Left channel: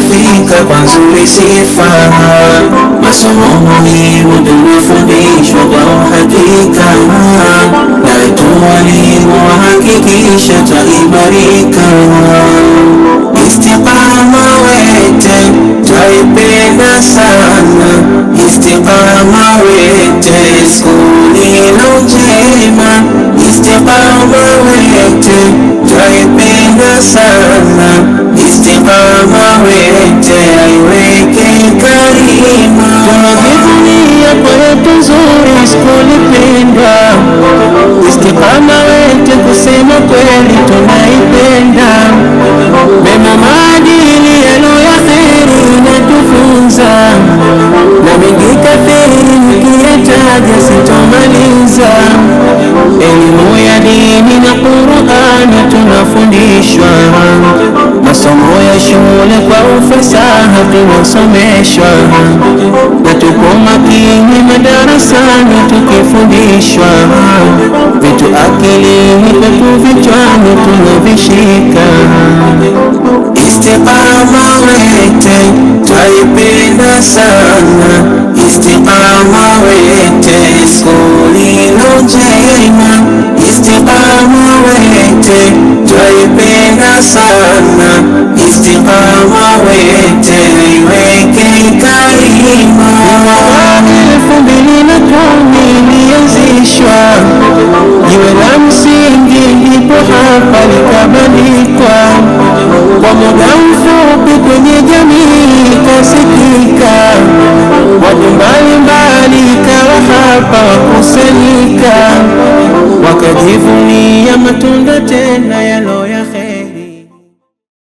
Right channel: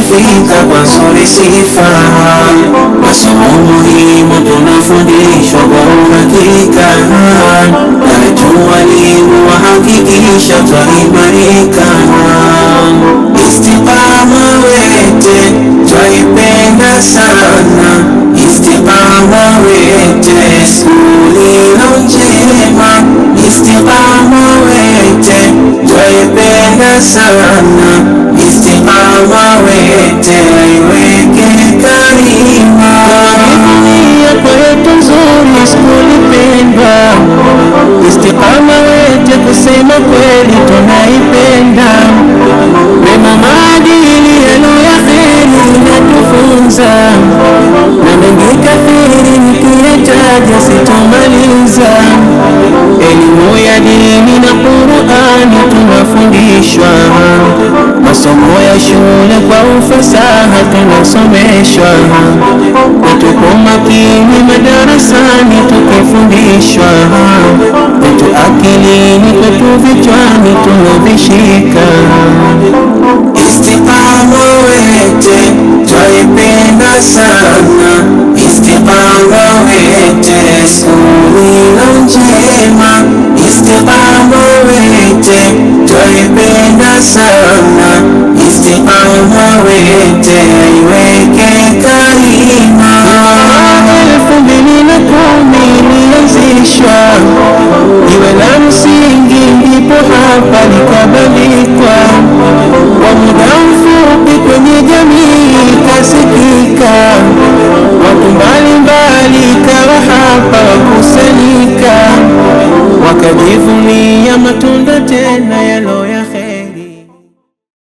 kufika kwa nzuri sifa. Masomo muhimu tunafundishwa kwa uhakika, na wetu walimu wahakikisha twaimarika. Istiqama wete twaipenda sana, istiqama wete sulilo njema, istiqama wete twaipenda sana, istiqama wete aiweke karima. Tunajivunia kwetu nzuri skuli pendwa, istiqama wete kusema kweli tunaipenda. Mema maadili yalo ya kheri inatufunza, na mengi kathiri nikiyataja sitomaliza. Elimu ya dini na Qur'ani tunafundishwa, masomo ya shule kwa ufasaha tunasomeshwa, na tupo makini madarasani tukifundishwa. Vitu akilini kwetu vichwani tunavishika. Istiqama wete twaipenda sana, istiqama wete sulilo njema, istiqama wete twaipenda sana, istiqama wete aiweke karima. Mwaka 2010 ilianzishwa, jiwe la msingi ndipo hapa likabandikwa. Kwa muda mfupi kwenye jamii kasikika, watu mbalimbali kawa hapa wakusanyika, wakajivunia matunda tena yalo ya kheri.